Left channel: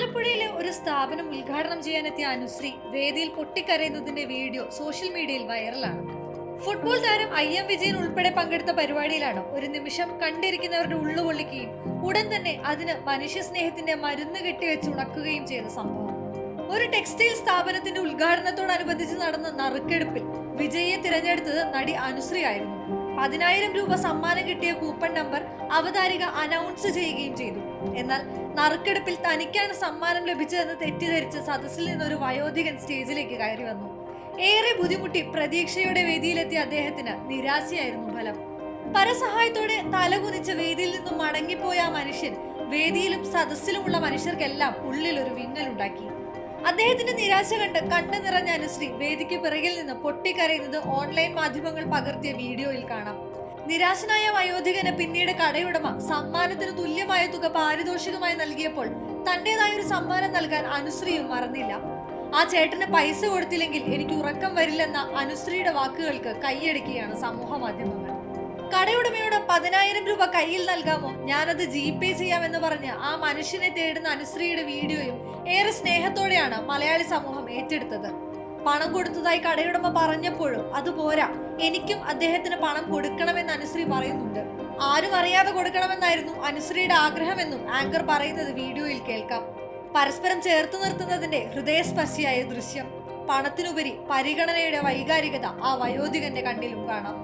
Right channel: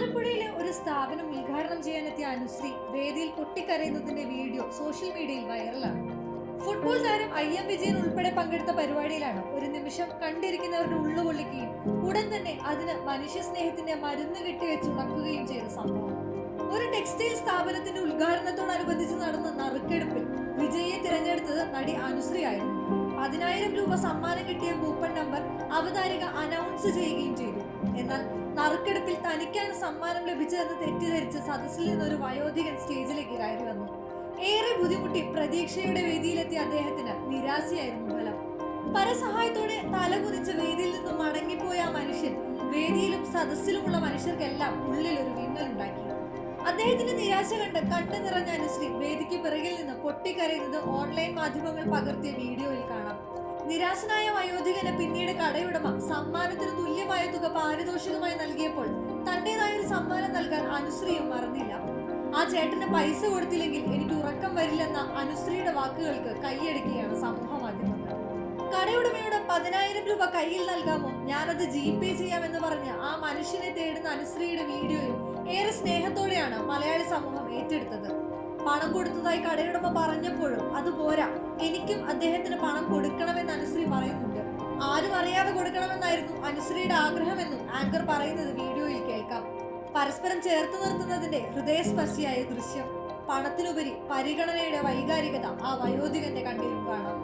ആലപ്പുഴയിലെ ഒരു സ്ഥാപനം ഉദ്ഘാടനം ചെയ്യാനെത്തിയ അനുശ്രീ വേദിയിൽ പൊട്ടിക്കരയുന്നതിന്റെ വീഡിയോ സോഷ്യൽ മീഡിയയിൽ വൈറലാണ്. ഫുട്ബോൾ താരം ഐ എം വിജയൻ ഉൾപ്പെടെ പങ്കെടുത്ത പരിപാടിയിലാണ് ഒരു നിമിഷം കണ്ടിരിക്കുന്നവരുടെ ഉള്ളു പൊള്ളിക്കുകയും ഉടൻ തന്നെ അതിന് മനുഷ്യ സ്നേഹത്തിന്റെ മരുന്ന് കെട്ടിവെച്ച് ഉണക്കുകയും ചെയ്ത സംഭവം. ഒരു ടെക്സ്റ്റൈൽ സ്ഥാപനത്തിന്റെ ഉദ്ഘാടനത്തോടനുബന്ധിച്ച് നടന്ന നറുക്കെടുപ്പിൽ വിജയിയെ തിരഞ്ഞെടുത്തത് നടി അനുശ്രീ ആയിരുന്നു. പതിനായിരം രൂപ സമ്മാനം കിട്ടിയ കൂപ്പൺ നമ്പർ അവതാരിക അനൗൺസ് ചെയ്യുകയും ചെയ്തു. എന്നാൽ നറുക്കെടുപ്പിൽ തനിക്കാണ് സമ്മാനം ലഭിച്ചതെന്ന് തെറ്റിദ്ധരിച്ച് സദസ്സിൽ നിന്നൊരു വയോധികൻ സ്റ്റേജിലേക്ക് കയറി വന്നു. ഏറെ ബുദ്ധിമുട്ടി പ്രതീക്ഷയുടെ വേദിയിലെത്തിയ അദ്ദേഹത്തിന് നിരാശയായിരുന്നു ഫലം. പരസഹായത്തോടെ തലകുനിച്ച് വേദിയിൽ നിന്നും മടങ്ങിപ്പോയ ആ മനുഷ്യൻ വേദിയിലും സദസ്സിലുമുള്ള മനുഷ്യർക്കെല്ലാം ഉള്ളിൽ ഒരു വിങ്ങലുണ്ടാക്കി. അദ്ദേഹത്തിന്റെ നിരാശ കണ്ട് കണ്ണു നിറഞ്ഞ അനുശ്രീ വേദിക്ക് പിറകിൽ നിന്ന് പൊട്ടിക്കരയുന്നത് ഓൺലൈൻ മാധ്യമങ്ങൾ പകർത്തിയ വീഡിയോയിൽ കാണാം. നിരാശനായ വയോധികന് പിന്നീട് കടയുടമ സമ്മാനത്തിന് തുല്യമായ തുക പാരിതോഷികമായി നൽകിയപ്പോൾ തന്റേതായ ഒരു സമ്മാനം നൽകാൻ അനുശ്രീയും മറന്നില്ല. ആ ചേട്ടന് പൈസ കൊടുത്തില്ലെങ്കിൽ എനിക്ക് ഉറക്കം വരില്ലെന്ന അനുശ്രീയുടെ വാക്കുകൾക്ക് കൈയടിക്കുകയാണ് സമൂഹ മാധ്യമങ്ങൾ. കടയുടമയോട് പതിനായിരം രൂപ കയ്യിൽ നൽകാമോ? ഞാനത് ജി പേ ചെയ്യാമെന്ന് പറഞ്ഞ് ആ മനുഷ്യനെ തേടുന്ന അനുശ്രീയുടെ വീഡിയോയും ഏറെ സ്നേഹത്തോടെയാണ് മലയാളി സമൂഹം ഏറ്റെടുത്തത്. പണം കൊടുത്തതായി കടയുടമ പറഞ്ഞപ്പോഴും അത് പോരാ. എനിക്കും അദ്ദേഹത്തിന് പണം കൊടുക്കണമെന്ന് അനുശ്രീ പറയുന്നുണ്ട്. ആരും അറിയാതെ കൊടുക്കണമെന്നായിരുന്നു അനുശ്രീയുടെ ആഗ്രഹമെന്നും ആങ്കർ പറയുന്നത് വീഡിയോയിൽ കേൾക്കാം. പരസ്പരം ചേർത്ത് നിർത്തുന്നതിന്റെ ഹൃദയസ്പർശിയായ ദൃശ്യം. പണത്തിനുപരി പരിഗണനയുടെ വൈകാരികത ആ വയോധികന്റെ കണ്ണിലും കാണാം.